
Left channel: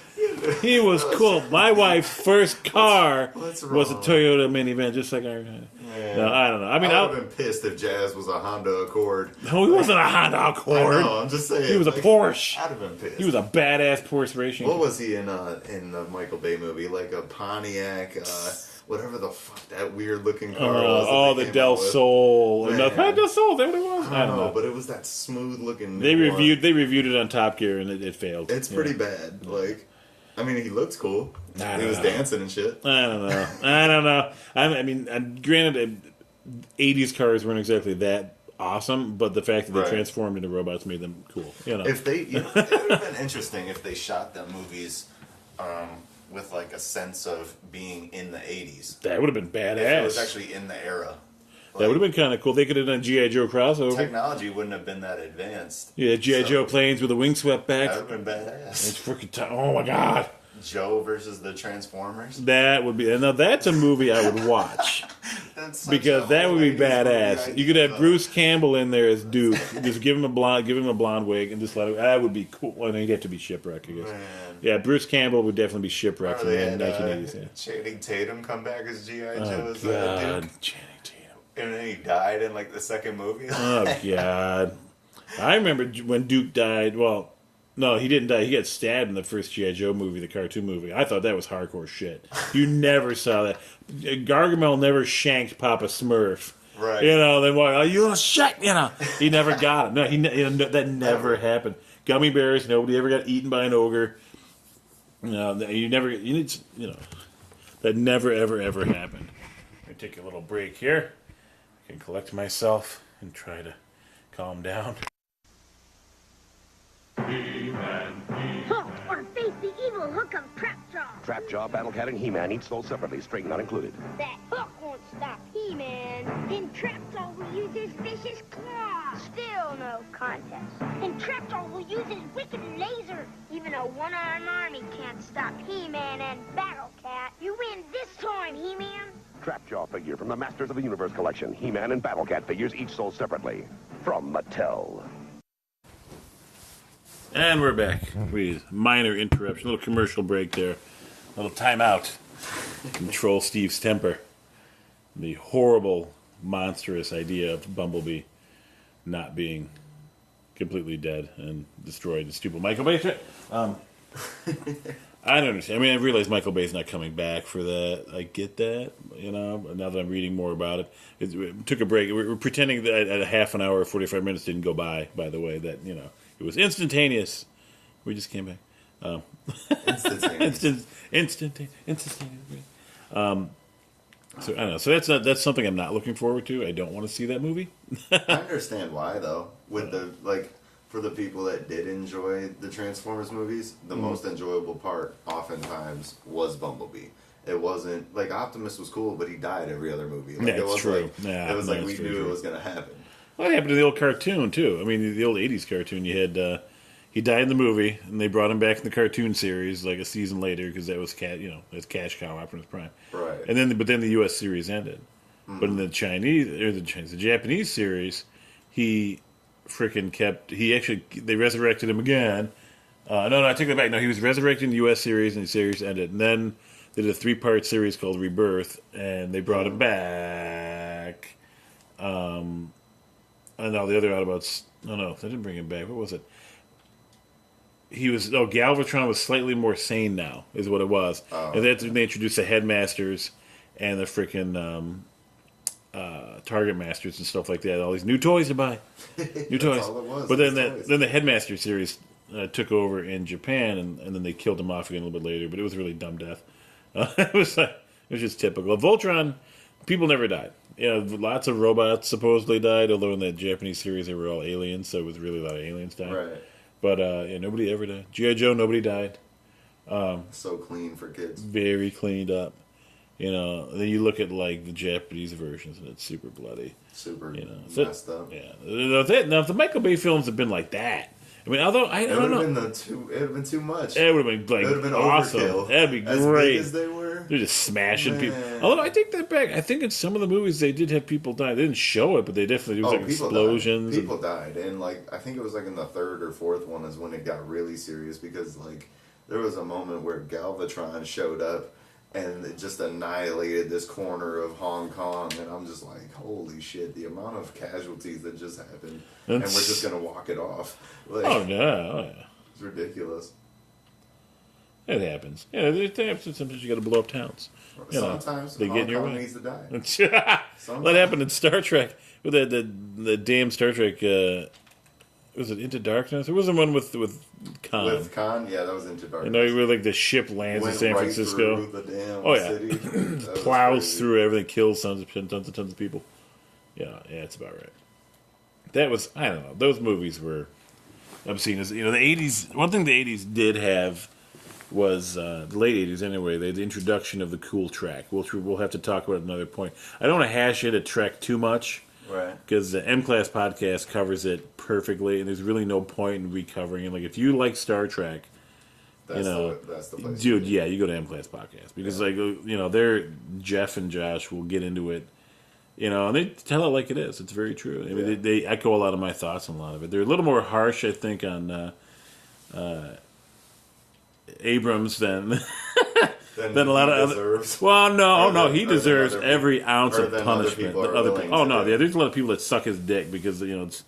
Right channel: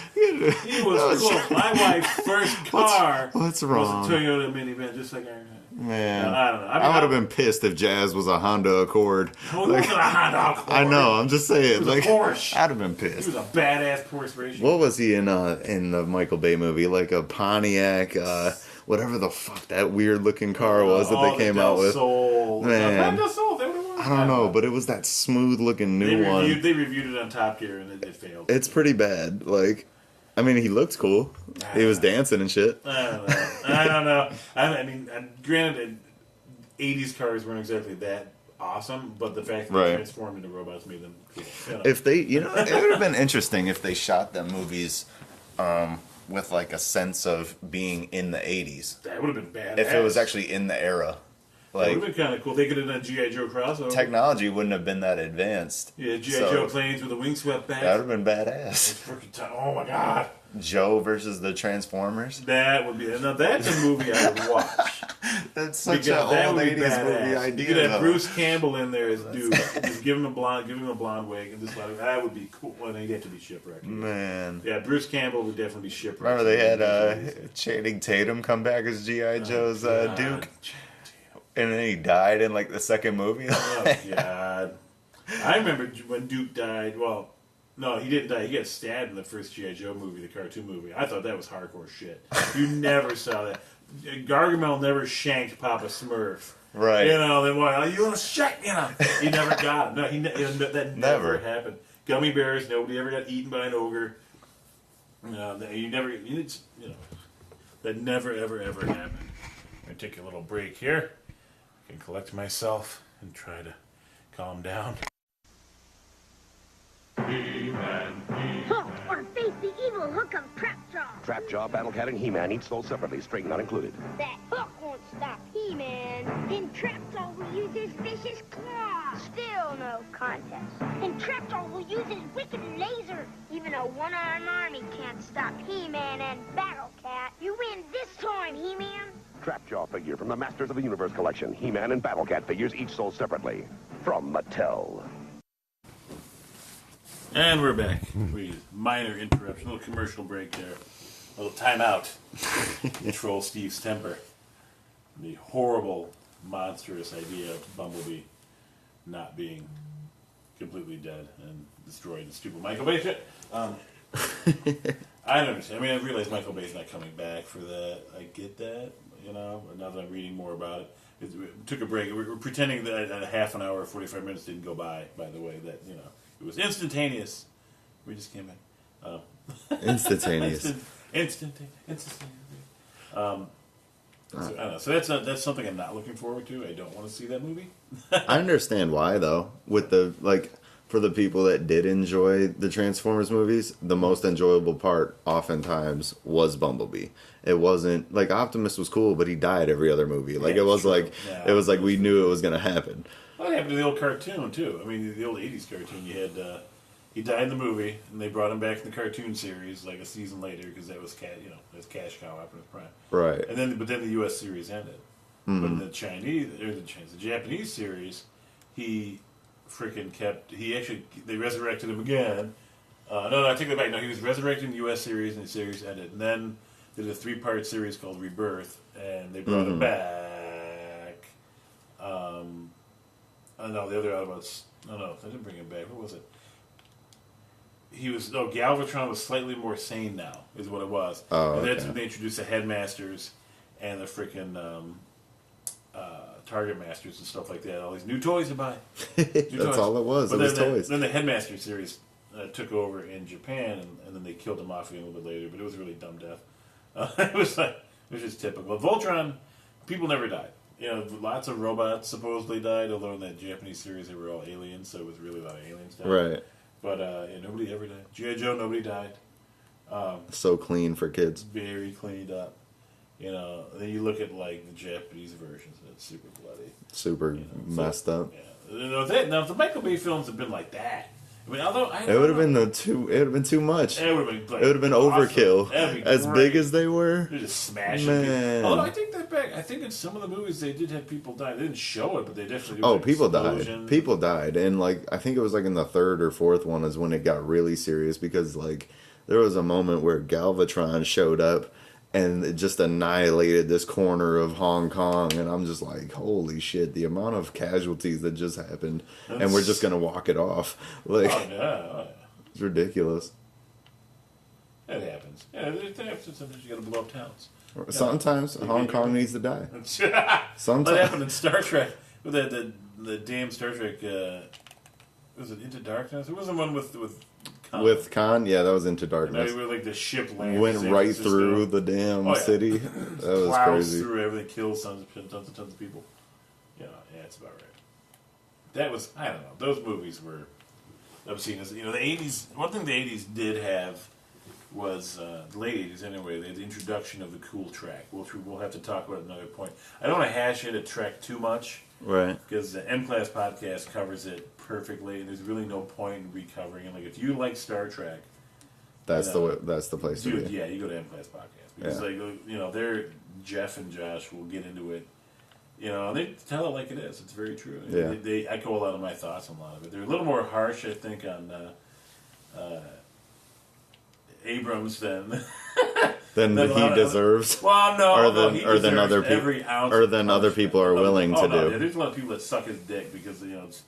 He was cool. My wife's first car was a Toyota minivan, just like Ironhide. Man, no, I don't know. I mean, I would have been pissed if Jazz was a Honda Accord. No, he wasn't a Honda Accord. I know. I'm just saying. He was a Porsche. I'd have been pissed. He was a badass Porsche racing. What was he in the Michael Bay movie? Like a Pontiac, whatever the fuck that weird looking car was that they came out with. Sol. Del Sol. That what it was. I don't know, but it was that smooth looking new one. They reviewed it on Top Gear and it failed. It's pretty bad. Like, I mean, he looked cool. He was dancing and shit. I don't know. I mean, granted, 80s cars weren't exactly that awesome, but the fact that they transformed into robots made them cool. If they, it would have been interesting if they shot them movies with like a sense of being in the 80s. That would have been badass. If it was actually in the era. That would have been kind of cool. They could have done a G.I. Joe crossover. Technology wouldn't have been that advanced. Yeah, G.I. Joe planes with a wing swept back. That would have been badass. It's freaking oh my god. Joe versus the Transformers. That would be. Now that's a movie I would watch. That's such because that would be badass. Idea, you could have though. Bruce Campbell in there as Duke. Just give him a blonde wig, and just let him. That would be cool. Well, he'd have to be shipwrecked. Man. Yeah, Bruce Campbell would definitely be shipwrecked. Remember they had Channing Tatum come back as G.I. Joe's Duke? And then he died in like the second movie. Oh god! I remember when Duke died. Well, no, he didn't die. He got stabbed in the first G.I. Joe movie, the cartoon movie. I thought that was hardcore shit. You never saw that. Gargamel never shanked Papa Smurf. Right. You know, then why? Oh, you shit! You know, he never got him. No, that never happened. Gummy bears. Nobody ever got eaten by an ogre. You know, you never. You know, that never ever happened. I'm gonna take a little break here. I can collect myself and try to calm down. Halt or face the evil hook of Trapjaw. Trapjaw, Battlecat, and He-Man each sold separately, string not included. That hook won't stop He-Man. Then Trapjaw will use his vicious claw. Still no contest. And Trapjaw will use his wicked laser. Even a one-armed army can't stop He-Man and Battlecat. You win this time, He-Man. Trapjaw figure from the Masters of the Universe collection. He-Man and Battlecat figures each sold separately. From Mattel. And we're back. Minor interruption, a little commercial break there. A little timeout. Control Steve's temper. The horrible, monstrous idea of Bumblebee not being completely dead and destroyed the stupid Michael Bay. I don't understand. I mean, I realize Michael Bay's not coming back for that. I get that, you know, now that I'm reading more about it. It took a break. We're pretending that a half an hour or 45 minutes didn't go by the way, that, you know, it was instantaneous. We just came back. Instantaneous. Instantaneous. So I don't know. So that's something I'm not looking forward to. I don't want to see that movie. I understand why, though. With the, like, for the people that did enjoy the Transformers movies, the most enjoyable part, oftentimes, was Bumblebee. It wasn't, like, Optimus was cool, but he died every other movie. Like, Yeah, it was true. like, Yeah, it was like we that's knew true. it was going to happen. Well, it happened to the old cartoon, too. I mean, the old 80s cartoon, you had, he died in the movie, and they brought him back in the cartoon series, like a season later, because that was, that's cash cow Optimus Prime. Right. And then, but then the U.S. series ended. But in the Japanese series, he freaking they resurrected him again. No, I take that back. No, he was resurrected in the U.S. series, and the series ended. And then they did a 3-part series called Rebirth, and they brought him back. I know the other Autobots. No, they didn't bring him back. What was it? Galvatron was slightly more sane now, is what it was. Oh, and that's okay. when they introduced the Headmasters and the freaking Target Masters and stuff like that. All these new toys to buy. That's all it was. But It was then, toys. then the Headmaster series took over in Japan, and then they killed him off again a little bit later. But it was a really dumb death. It was just typical. Voltron, people never died. You know, lots of robots supposedly died, although in that Japanese series they were all aliens, so it was really a lot of aliens dying. Right. But nobody ever died. G.I. Joe, nobody died. So clean for kids. Very cleaned up. You know, then you look at like the Japanese versions, and it's super bloody. Super So- messed up. Yeah. Now, if the Michael Bay films had been like that, I mean, although I It don't would know. have been it would have been too much. It would have been like It would have been awesome. overkill. That'd be As great. big as they were. They're just smashing people. Man. Although I take that back. I think in some of the movies they did have people die. They didn't show it, but they definitely do like People explosions. died. People died, and like I think it was like in the third or fourth one is when it got really serious because like there was a moment where Galvatron showed up and it just annihilated this corner of Hong Kong, and I'm just like, holy shit! The amount of casualties that just happened, and we're just gonna walk it off. Like, Oh yeah. it's ridiculous. It happens. Yeah, sometimes you got to blow up towns. Sometimes they Hong get your Kong way. needs to die. What happened in Star Trek with the damn Star Trek? Was it Into Darkness? It wasn't one with Khan. With Khan, yeah, that was Into You know, Darkness. where like the ship lands in Went San right Francisco. through the damn Oh, yeah. city. That was Plows crazy. through everything, kills tons of people. Yeah, it's about right. That was, I don't know. Those movies were obscene. You know, the '80s. One thing the '80s did have was the late 80s anyway, the introduction of the cool track. We'll have to talk about it at another point. I don't want to hash it at Trek too much. Right. Because the M-Class podcast covers it perfectly, and there's really no point in recovering it. Like, if you like Star Trek... That's the place. Dude, yeah, you go to M-Class podcast. Because, they're... Jeff and Josh will get into it, and they tell it like it is. It's very true. Yeah. They echo a lot of my thoughts on a lot of it. They're a little more harsh, I think, on... Abrams than Than a lot he of deserves. Well, no, he deserves other every ounce or of than punishment. other people are Other- willing to Oh no, do. yeah, there's a lot of people that suck his dick because it's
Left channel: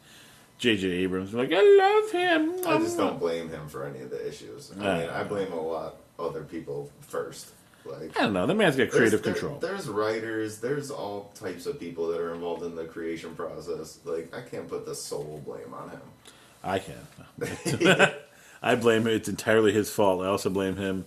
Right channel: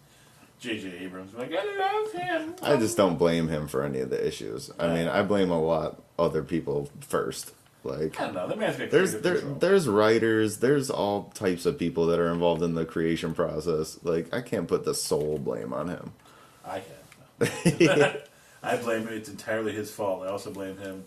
J.J. Abrams. Like, I love him. I just don't blame him for any of the issues. I mean, I blame a lot other people first. Like, I don't know. The man's got creative control. there's writers, there's all types of people that are involved in the creation process. Like, I can't put the sole blame on him. I can. I blame him. It's entirely his fault. I also blame him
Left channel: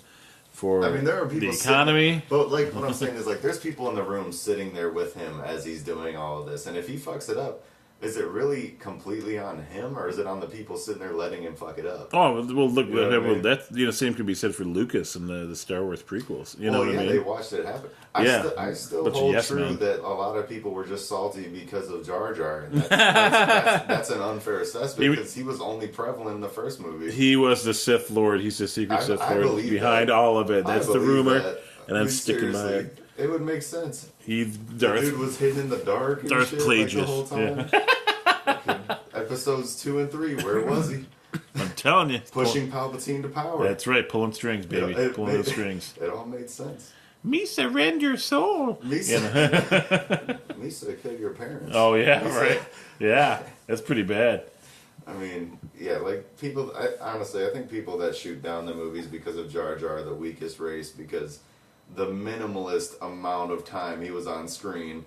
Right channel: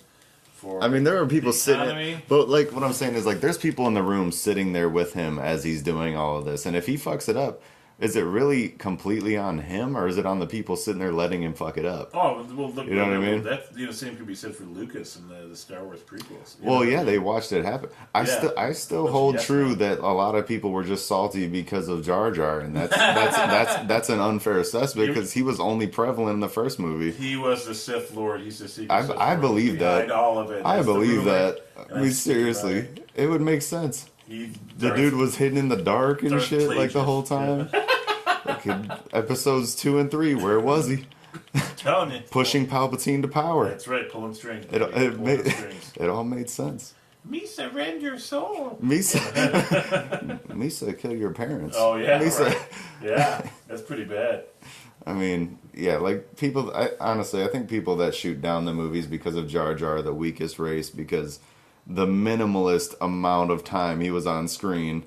for. I mean, there are people the economy. sitting, but like what I'm saying is like there's people in the room sitting there with him as he's doing all of this, and if he fucks it up, is it really completely on him, or is it on the people sitting there letting him fuck it up? Oh well, look. You know what I mean? That same could be said for Lucas and the Star Wars prequels. You know Well, what I yeah, mean? they watched it happen. I still Bunch of hold yes true men. that a lot of people were just salty because of Jar Jar, and that's an unfair assessment because he was only prevalent in the first movie. He was the Sith Lord. He's the secret Sith Lord. I believe behind that. all of it. I That's the believe ruler, that. and I I'm mean, sticking by seriously, it. it would make sense. The The dude was hidden in the dark and Darth shit like the Plagueis. whole time. Fucking episodes 2 and 3, where was he? I'm telling you, Pushing Palpatine to power. That's right, pulling strings, baby. It Pulling the strings. it all made sense. Me surrender soul. Misa, Misa, kill your parents. Oh yeah, Misa. right. Yeah, that's pretty bad. I mean, yeah, like people. Honestly, I think people that shoot down the movies because of Jar Jar are the weakest race because the minimalist amount of time he was on screen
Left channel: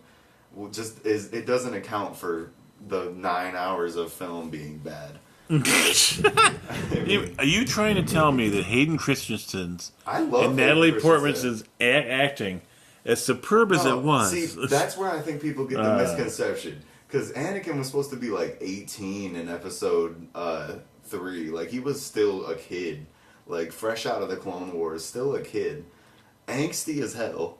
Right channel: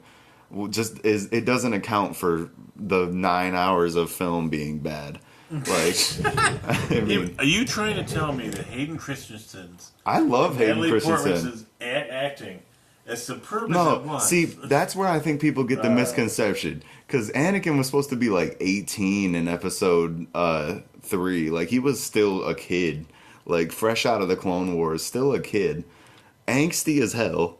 it doesn't account for the 9 hours of film being bad. Like, I mean, Are you trying to tell me that Hayden Christensen's I love and Hayden Natalie Christensen. Portman's acting as superb as it was? See, that's where I think people get the misconception. Because Anakin was supposed to be like 18 in episode 3. Like, he was still a kid. Like, fresh out of the Clone Wars, still a kid. Angsty as hell.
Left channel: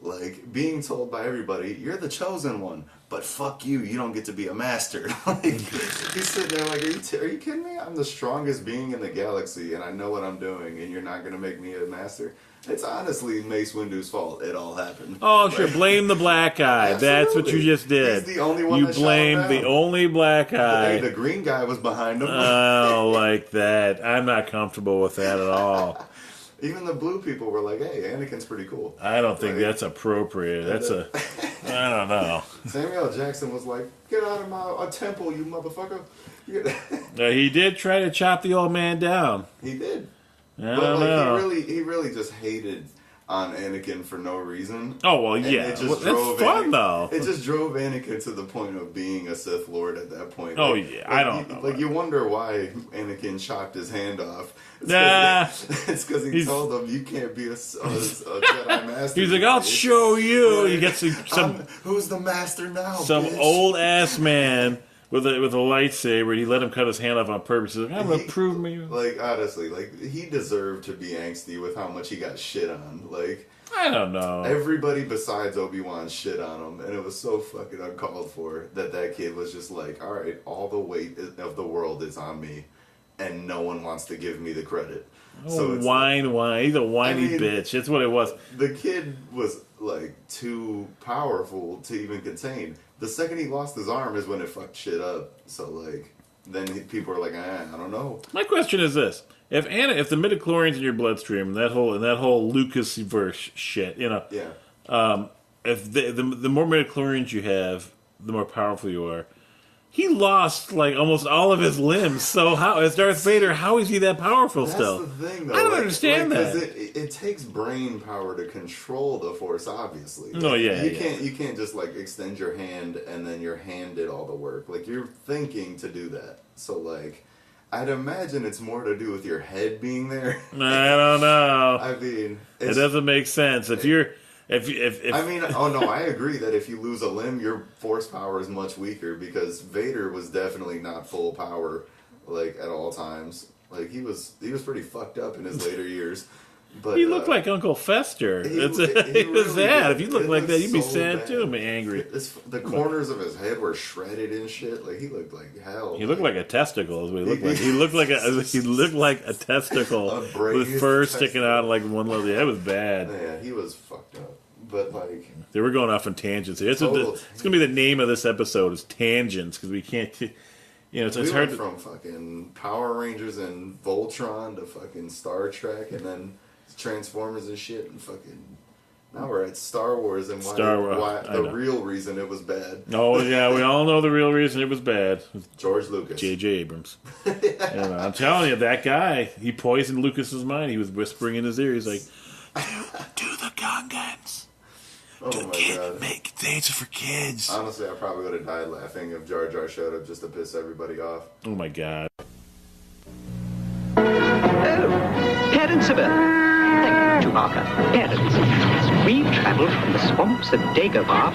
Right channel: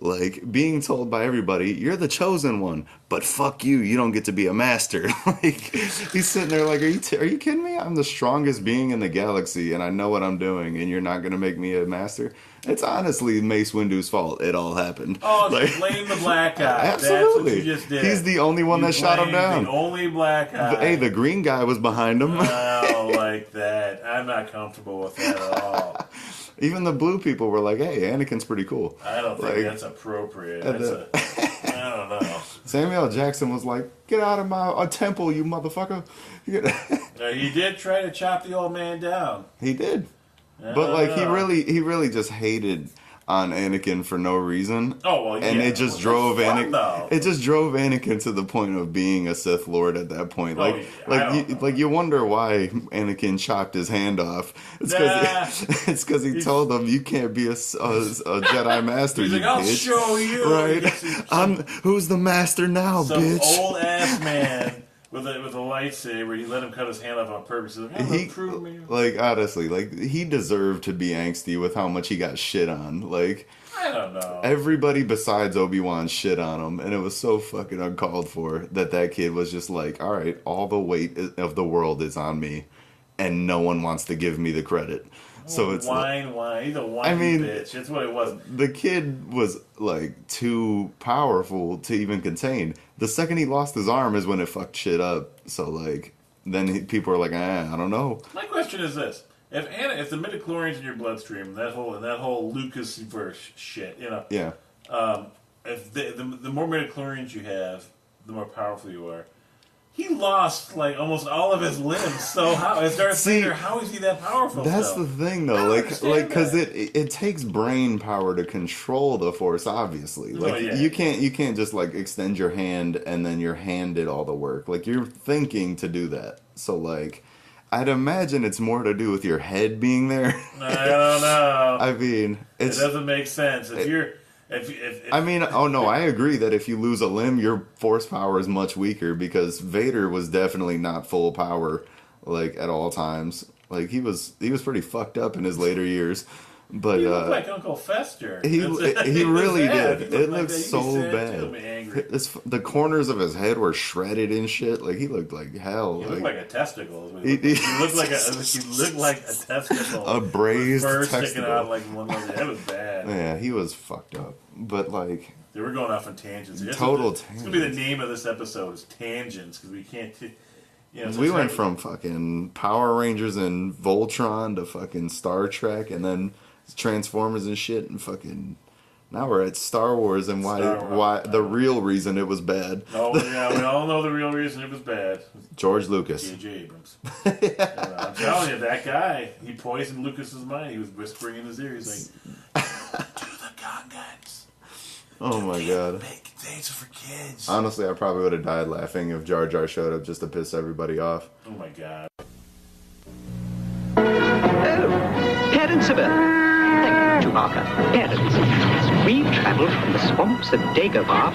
Like, being told by everybody, you're the chosen one, but fuck you, you don't get to be a master. Like, he's sitting there like, are you kidding me? I'm the strongest being in the galaxy, and I know what I'm doing, and you're not going to make me a master? It's honestly Mace Windu's fault it all happened. Oh, Like, so blame the black guy. That's what absolutely. you just did. He's the only one You that shot him blamed down. the only black guy. Hey, the green guy was behind him. Oh, like that. I'm not comfortable with that at all. Even the blue people were like, hey, Anakin's pretty cool. I don't think Like, that's appropriate. That's I don't know. Samuel Jackson was like, get out of my temple, you motherfucker. He did try to chop the old man down. He did. I But don't like know. he really just hated on Anakin for no reason. Oh well, yeah. And it just Well, drove that's fun, Anakin. though. It just drove Anakin to the point of being a Sith Lord at that point. Oh, Like, yeah, I don't know. you wonder why Anakin chopped his hand off. Nah. It's because he told him you can't be a Jedi master. He's you like, I'll bitch." show you. Right. He gets Who's the master now, some bitch? old ass man with a lightsaber. And he let him cut his hand off on purpose. He's like, I'm gonna prove me. Like, honestly, like, he deserved to be angsty with how much he got shit on. Like, I don't know. everybody besides Obi-Wan shit on him, and it was so fucking uncalled for that kid was just like, all right, all the weight of the world is on me, and no one wants to give me the credit. So it's whine. He's a whiny I mean, bitch. That's what it was. the kid was like too powerful to even contain. The second he lost his arm is when it fucked shit up. So like, then people are like, I don't know. My question is this: if the midichlorians in your bloodstream, that whole Lucas verse shit, Yeah. if the more midichlorians you have, the more powerful you are. He lost like almost all of his limbs. So how, as Darth Vader, how is he that powerful That's still? the thing, though. I don't understand because that. it takes brain power to control the Force. Obviously, Oh, yeah, you yeah. can't just like extend your hand and then your hand did all the work. Like, you're thinking to do that. So like, I'd imagine it's more to do with your head being there. I don't know. I mean, It it's, doesn't make sense. If I mean, oh no, I agree that if you lose a limb, your force power is much weaker because Vader was definitely not full power, like, at all times. Like, he was pretty fucked up in his later years. But he looked like Uncle Fester. He really sad. did. If you looked It like looked that, you'd be so sad bad. too, man, angry. The corners of his head were shredded and shit. Like he looked like hell. He looked like a testicle. Is what he looked like. He looked like a testicle. A braised with fur testicle. sticking out like one of those. That was bad. Yeah, he was fucked up. But like, they were going off on tangents. It's Total It's going to be the name of this episode is tangents because we can't. we went from fucking Power Rangers and Voltron to fucking Star Trek and then Transformers and shit and fucking. Now we're at Star Wars and why the real reason it was bad. Oh yeah, we all know the real reason it was bad. George Lucas. J.J. Abrams. I'm telling you, that guy, he poisoned Lucas's mind. He was whispering in his ear. He's like, "Do the Gungans. Oh my god. Make things for kids." Honestly, I probably would have died laughing if Jar Jar showed up just to piss everybody off. Oh my god. Parents of Earth. Thank you, Chewbacca. Parents, as we travel from the swamps of Dagobah...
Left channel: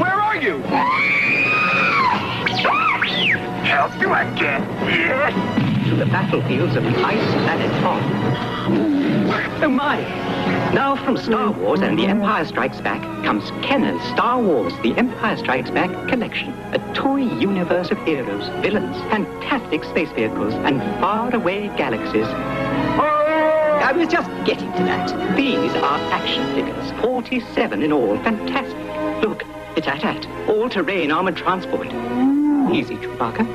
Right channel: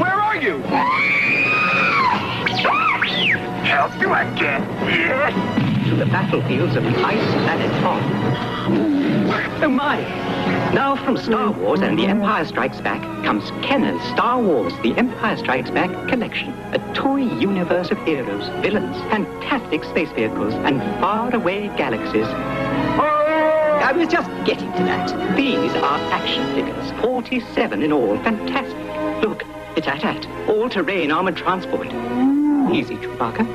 Where are you? Help you, I get. ...to the battlefields of the ice planet Hoth. Oh my! Now from Star Wars and The Empire Strikes Back comes Kennan's Star Wars The Empire Strikes Back collection. A toy universe of heroes, villains, fantastic space vehicles, and faraway galaxies. I was just getting to that. These are action figures, 47 in all. Fantastic. Look, it's AT-AT, all-terrain armored transport. Easy, Chewbacca.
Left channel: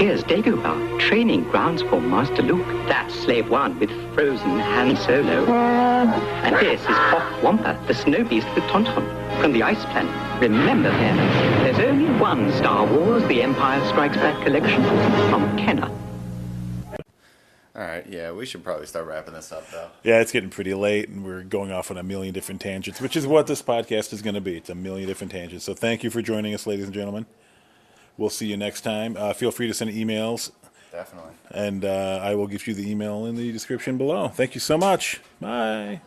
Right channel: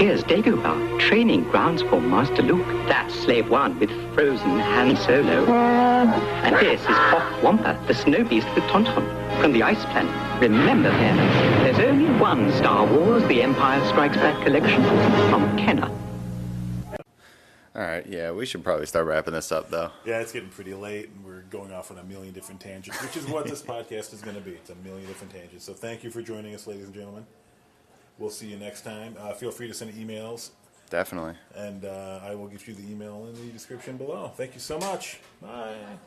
Here's Dagobah, training grounds for Master Luke. That's Slave One with frozen Han Solo. And this is Hoth Wampa, the snow beast with Tauntaun, from the ice planet. Remember, parents, there's only one Star Wars The Empire Strikes Back collection from Kenner. Alright, yeah, we should probably start wrapping this up, though. Yeah, it's getting pretty late, and we're going off on a million different tangents, which is what this podcast is going to be. It's a million different tangents. So thank you for joining us, ladies and gentlemen. We'll see you next time. Feel free to send emails. Definitely. And I will give you the email in the description below. Thank you so much. Bye.